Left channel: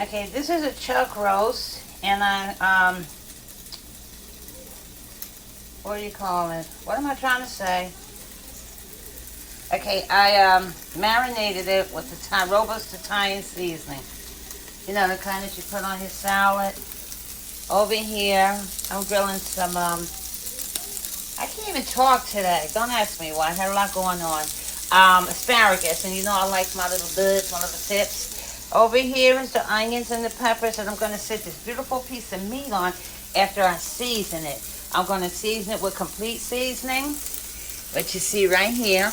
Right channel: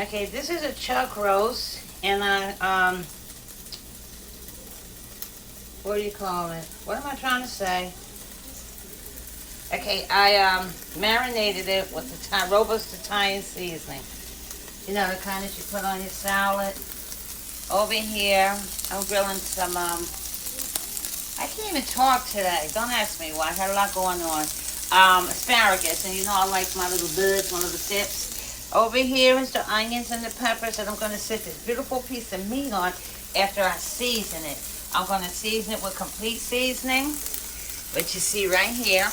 Okay, this is a chuck roast, and what do you call it? What am I trying to say? Okay, I marinated it with the robust Italian seasoning. You know, the kind that you put on your salad. Over here, I'm grilling some, I can't even talk today. Don't ask me why. I had a lot going on. Asparagus, and you know I like my little buds, my little tips. Over here is the onions and the peppers, and I'm going to set this beautiful piece of meat on after I season it. I'm going to season it with complete seasoning, what you see right here.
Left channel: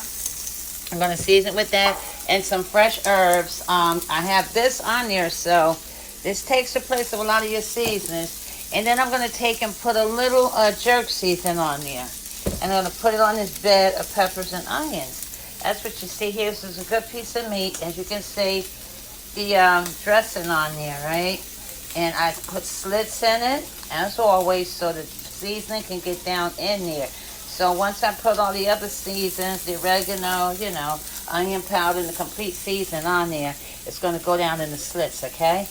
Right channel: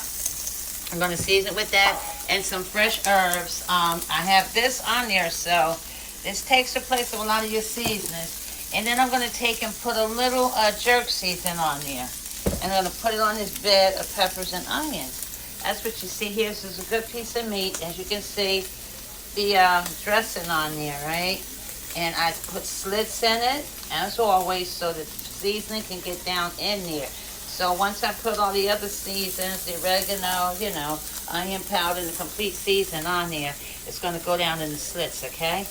I'm going to season it with that and some fresh herbs. I have this on there, so this takes the place of a lot of your seasonings. And then I'm going to take and put a little jerk season on there. And I'm going to put it on this bed of peppers and onions. That's what you see here. This is a good piece of meat. As you can see, the dressing on there, right? And I put slits in it, as always, so that the seasoning can get down in there. So once I put all the other seasons, the oregano, you know, onion powder, and the complete season on there, it's going to go down in the slits, okay?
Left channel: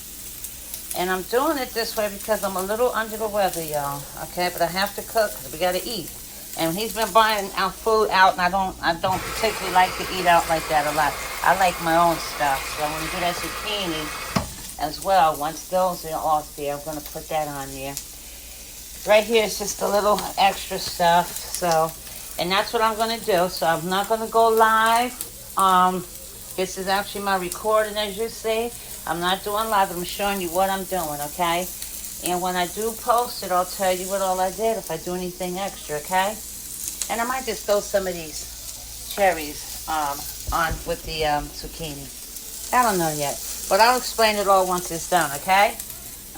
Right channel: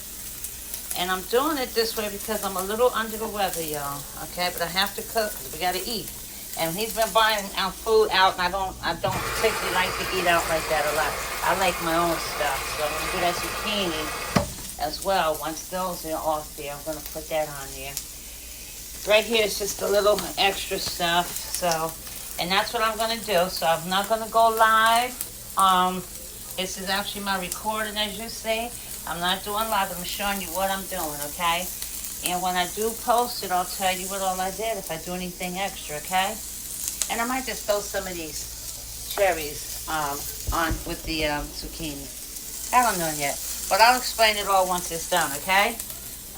And I'm doing it this way because I'm a little under the weather, y'all, okay? But I have to cook because we got to eat. And he's been buying our food out, and I don't particularly like to eat out like that a lot. I like my own stuff. So I'm doing zucchini as well. Once those are off there, I'm going to put that on there. Right here is just a little extra stuff, so, and that's what I'm going to do. So I'm not going to go live. This is actually my recording, as you see. I'm not doing live. I'm showing you what I'm doing, okay? And when I do post it, I'll tell you what all I did, if I do anything extra, okay? And I might just throw some of these cherries on with the zucchini. I don't know yet, but I'll explain it all once it's done, okay?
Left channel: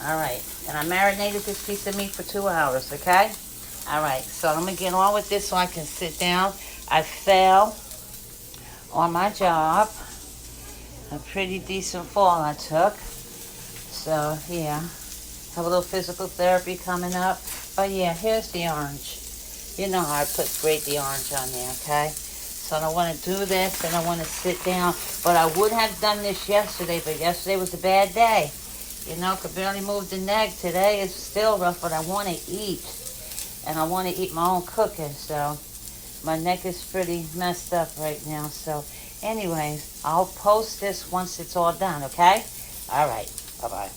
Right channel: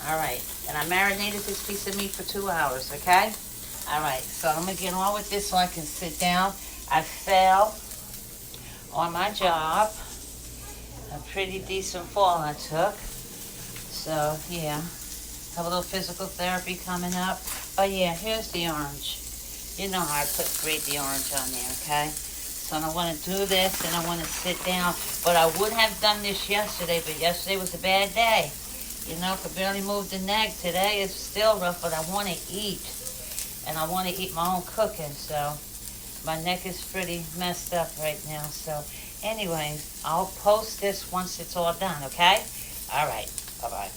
All right, and I marinated this piece of meat for 2 hours, okay? All right, so let me get on with this so I can sit down. I fell on my job. A pretty decent fall I took. So, yeah, a little physical therapy coming up. But, yeah, here's the orange. You know how I grate the orange on there, okay? So I want to do this, and I want to sit down. But I would have done this yesterday, but yesterday was a bad day. You know, I could barely move the neck. Today is still rough, but I want to eat. And I want to eat my own cooking, so my neck is pretty messed up right now. So, anyways, I'll post this once it's all done, okay? All right. Bye-bye.